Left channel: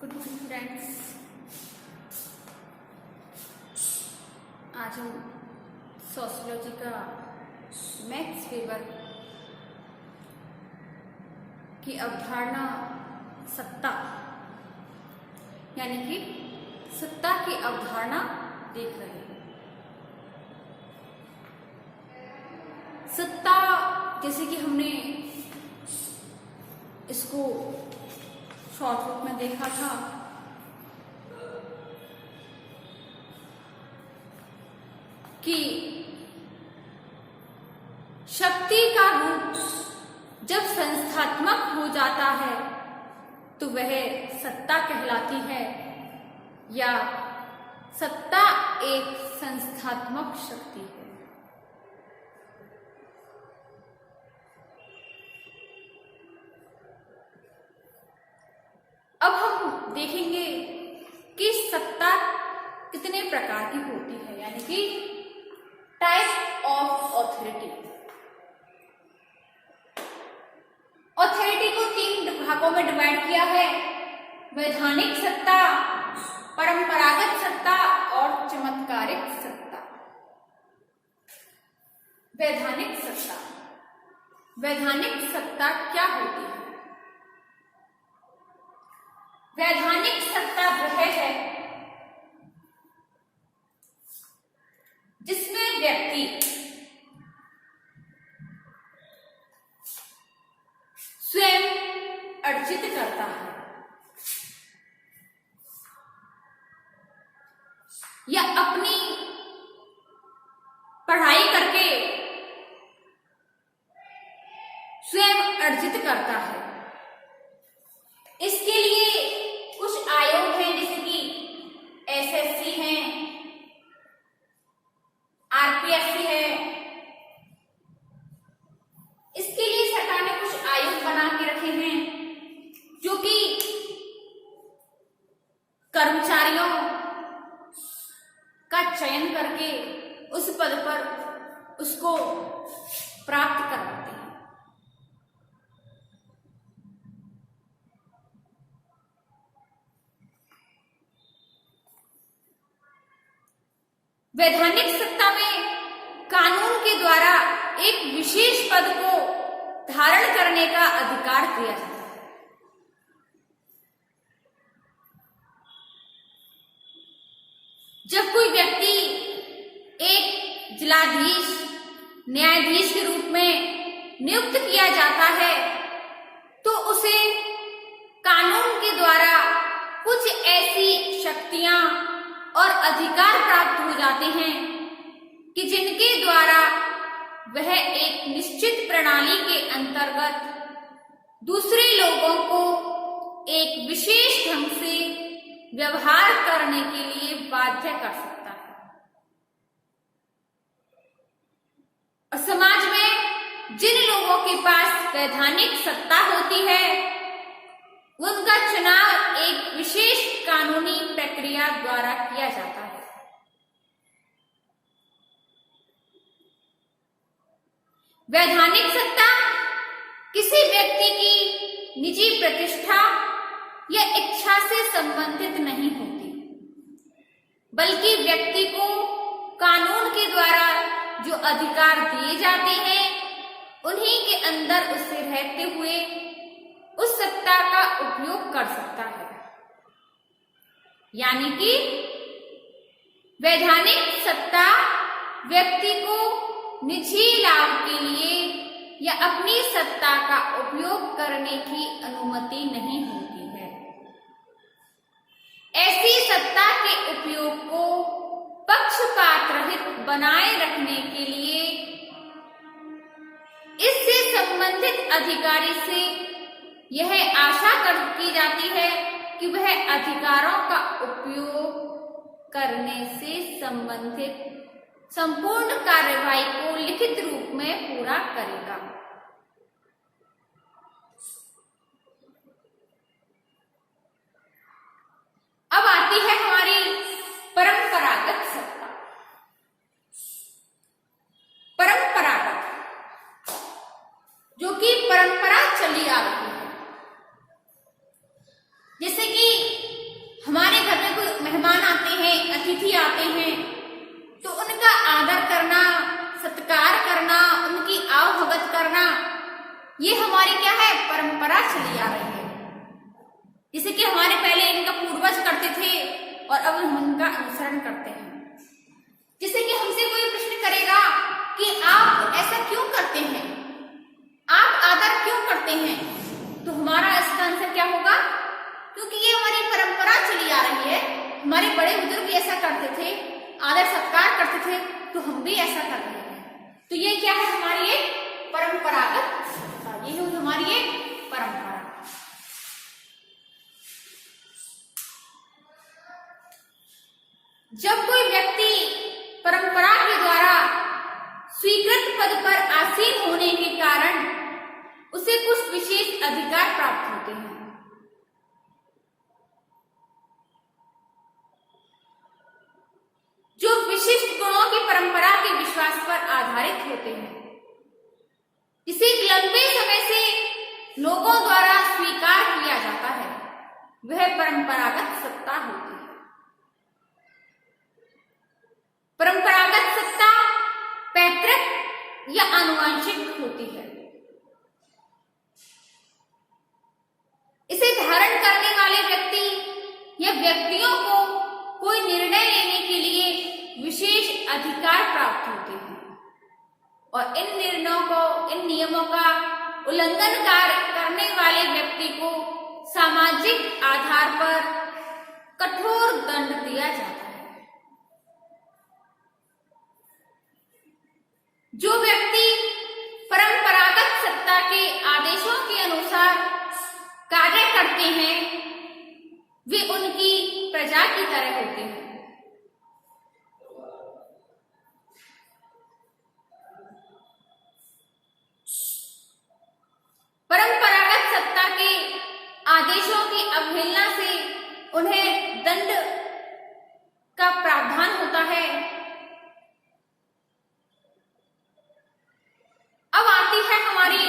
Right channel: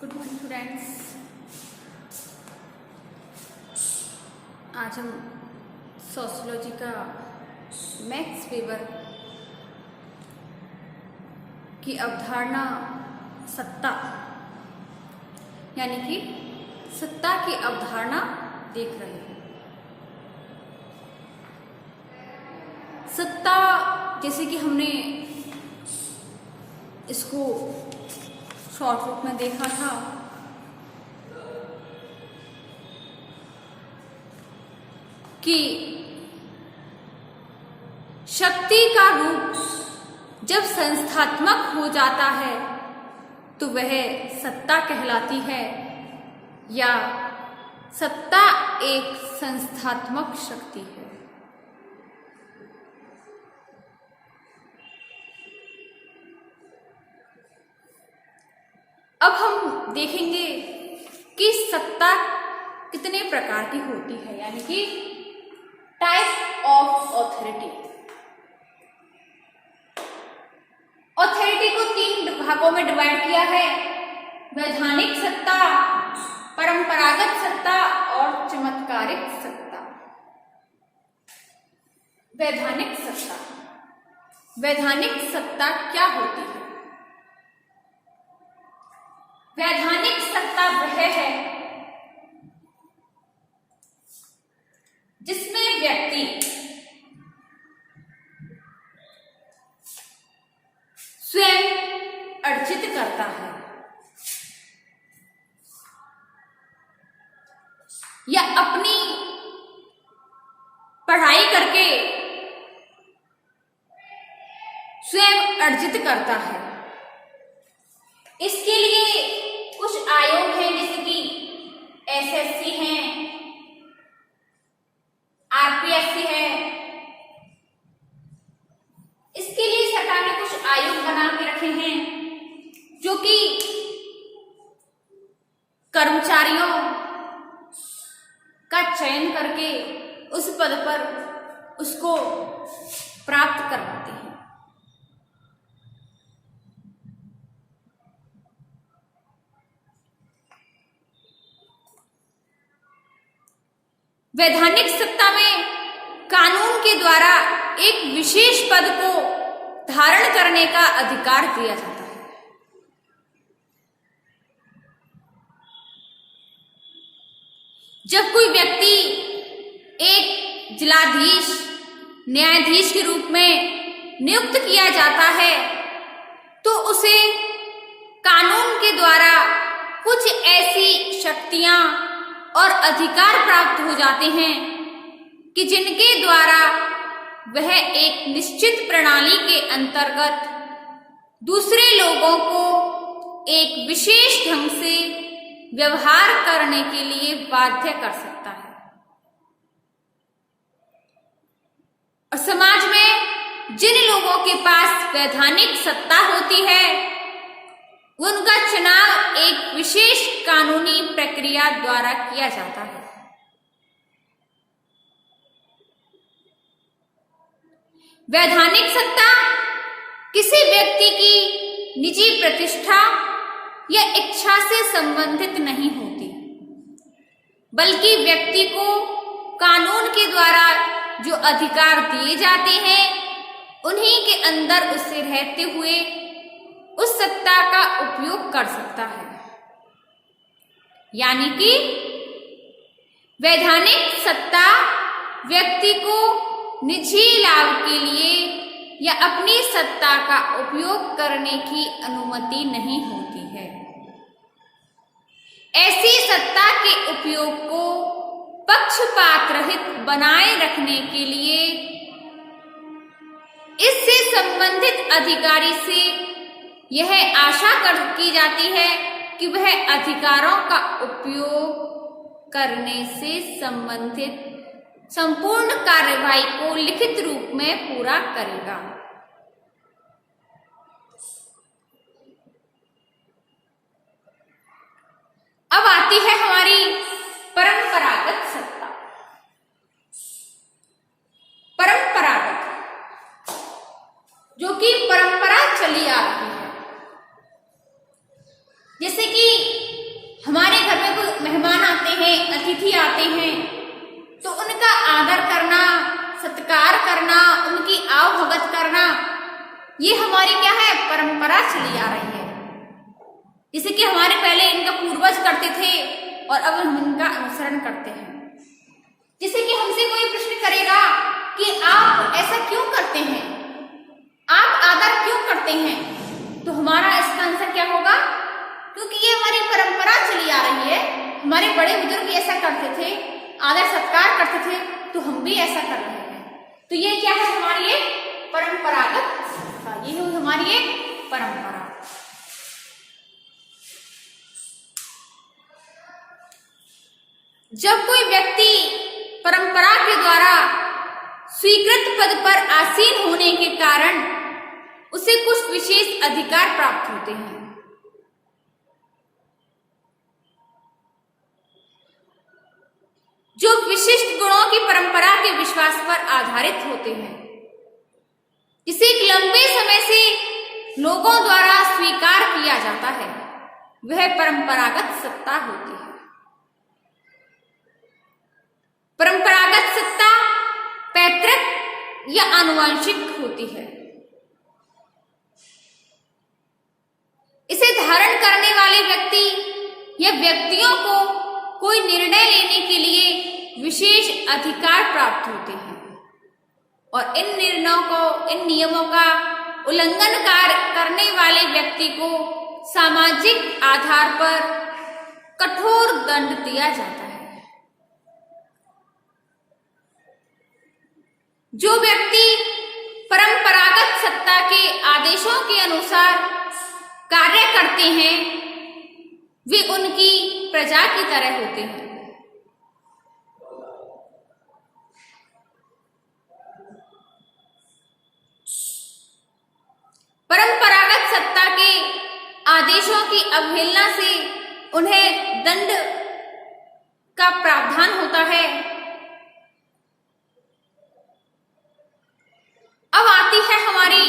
Good morning friends. आज हम sociology का मैक्स वेबर की अवधारणा सत्ता यानी कि सत्ता की अवधारणा देख रहे हैं। सत्ता जैसे कि हमने इसको शॉर्ट रूप में देखा था कि शक्ति का रूप जब संस्थात्मक हो जाता है तो वह सत्ता कहलाती है या सत्ता एक संस्थात्मक शक्ति है। अब हम देखेंगे कि सत्ता कितने प्रकार की होती है, यानी कि टाइप ऑफ ऑथोरिटी। ऑथोरिटी को 3 भागों में डिवाइड किया है: वैधानिक सत्ता, परंपरागत सत्ता और चमत्कारिक सत्ता। वैधानिक सत्ता, वैधानिक सत्ता क्या होती है? वैधानिक सत्ता वह है जिसमें व्यक्ति स्वयं अर्जित करता है या अपनी पढ़ाई करके स्वयं अर्जित करता है। इसके लिए कुछ आयोग हैं, जैसे कि एसएससी है, आरपीएससी है। इसके लिए सरकार ने कुछ आयोग बना के रखे हैं जो कि कर्मचारियों का चयन करके उस पद पर उसको प्राप्त करवाते हैं। वैधानिक सत्ता में कानून के द्वारा एक विशेष पद को धारण करने का अधिकार दिया जाता है। जब कोई व्यक्ति एक जिलाधीश, न्यायाधीश के रूप में नियुक्त किया जाता है तो उसे कानून के द्वारा कुछ ऐसी शक्तियां और अधिकार प्राप्त हो जाते हैं कि जिनके द्वारा वह एक निश्चित प्रणाली के अंतर्गत दूसरे लोगों को एक विशेष ढंग से व्यवहार करने के लिए बाध्य कर सकता है। और समाज में जिन लोगों के पास वैधानिक सत्ता होती है उनका चुनाव एक विशेष कानूनी प्रक्रिया द्वारा किया जाता है। वैधानिक सत्ता किसी व्यक्ति की निजी प्रतिष्ठा या इच्छा से संबंधित नहीं होती, बल्कि व्यक्ति को कानून के द्वारा जो अधिकार दिए जाते हैं उन्हीं के अंदर उसे रहते हुए उस सत्ता का उपयोग कर सकता है। यानी कि वैधानिक सत्ता व्यक्ति को निजी लाभ के लिए या अपनी सत्ता का उपयोग करने की अनुमति नहीं होती है। ऐसी सत्ता के उपयोग को पक्षपात रहित बनाए रखने के लिए इससे संबंधित अधिकारी से यह आशा की जाती है कि वह अधिकारों का उपयोग करने से संबंधित संपूर्ण कार्यवाही को लिखित रूप में पूरा करेगा। अब आती है हमारी परंपरागत सत्ता। परंपरागत जो कि परंपरा चली आ रही है, जैसे कि अतिथि आते हैं तो उनका आदर करना, सत्कार करना, उनकी आवभगत करना, ये हमारी क्या है, परंपरा चली आ रही है। जैसे कि हमारे पहले इनका पूर्वज करते थे और अब हम इनका अनुसरण करते हैं। जैसे कि हमसे कोई प्रश्न करेगा कि आप ऐसा क्यों करते हैं, आप आदर क्यों करते हैं, तो हमारा इसका आंसर क्या होगा, क्योंकि ये हमारी परंपरा चली आ रही है, हमारे बड़े बुजुर्ग ऐसा करते थे, आदर सत्कार करते थे, तो हम भी ऐसा कर रहे हैं। तो ये क्या है, हमारी एक परंपरागत, ये है हमारी एक परंपरा। जब कोई व्यक्ति परंपरा के द्वारा स्वीकृत पद पर आसीन होने के कारण उसे कुछ विशेष अधिकार प्राप्त होते हैं, जो विशिष्ट गुणों की परंपरा के विश्वास पर आधारित होते हैं, जिसे लंबे समय से लोगों द्वारा स्वीकार किया जाता है, वह परंपरागत सत्ता होती है। परंपरागत सत्ता पैतृक या आनुवंशिक होती है। इसे धारण करने वाले व्यक्ति या व्यक्तियों को कोई निर्णय लेने के लिए विशेष अधिकार प्राप्त होते हैं और इन निर्णयों को, इन नियमों का उल्लंघन करने वाले व्यक्ति को सामाजिक आधार पर कठोर दंड दिया जाता है। जो व्यक्ति परंपरागत सत्ता के आदेशों के अनुसार कार्य करते हैं, वे उनकी प्रजा की तरह होते हैं। परंपरागत सत्ता के आदेशों की अवहेलना से उन्हें दंड का प्रावधान होता है। अब आती है हमारी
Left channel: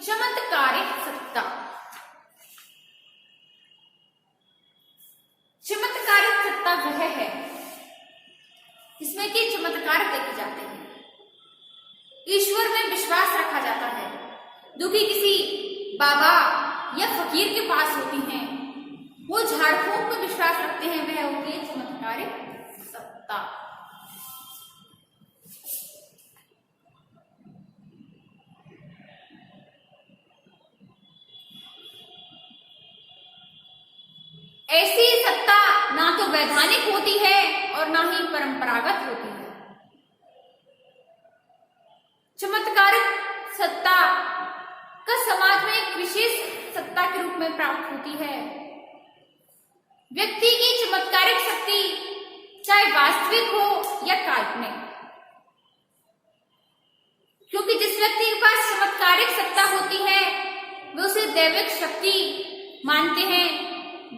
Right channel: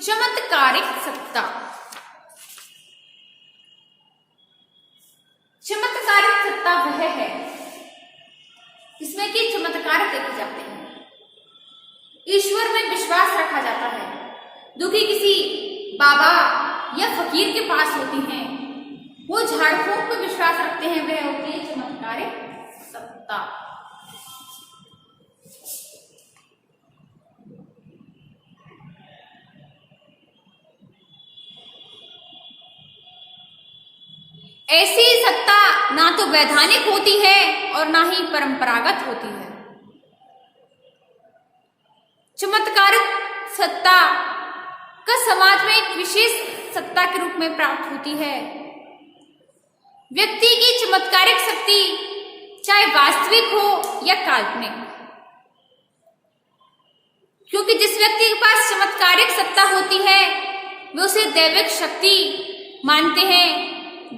चमत्कारिक सत्ता। चमत्कारिक सत्ता वह है जिसमें कि चमत्कार देखे जाते हैं, ईश्वर में विश्वास रखा जाता है, जो कि किसी बाबा या फकीर के पास होती हैं, वो झाड़ फूक में विश्वास रखते हैं, वह होती है चमत्कारिक सत्ता। ऐसी सत्ता ना तो वैधानिक होती है और ना ही परंपरागत होती है। चमत्कारिक सत्ता का समाज में एक विशेष सत्ता के रूप में प्राप्त होती है। व्यक्ति की चमत्कारिक शक्ति चाहे वास्तविक हो या काल्पनिक, क्योंकि जिस व्यक्ति के पास चमत्कारिक सत्ता होती है वे उसे दैविक शक्ति मानते हैं,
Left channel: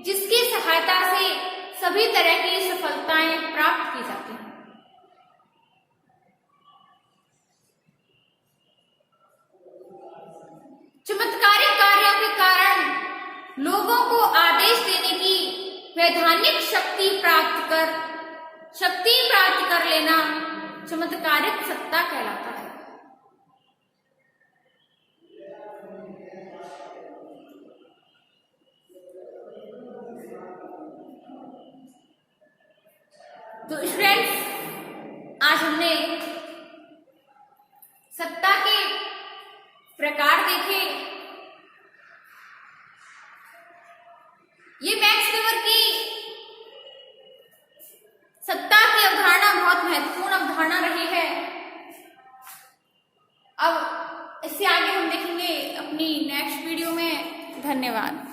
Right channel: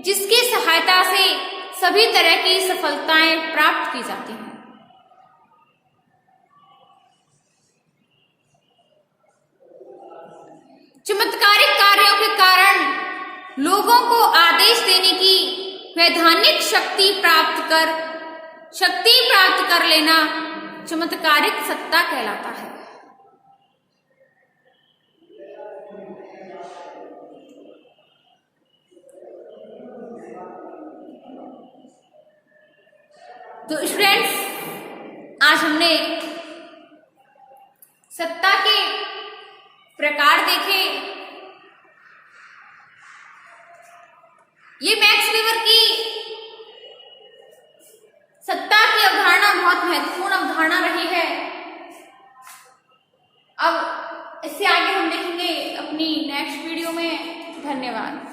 जिसकी सहायता से सभी तरह की सफलताएं प्राप्त की जाती हैं। चमत्कारिक कार्यों के कारण लोगों को आदेश देने की वैधानिक शक्ति प्राप्त कर लेना चमत्कारिक सत्ता कहलाता है। तो स्टूडेंट्स, आज हमने सत्ता के प्रकार देखे। ये मैक्स वीवर की सत्ता की अवधारणा बहुत महत्वपूर्ण अवधारणा रही है। अब इससे आगे हम देखेंगे अपनी नेक्स्ट वीडियो में। धन्यवाद।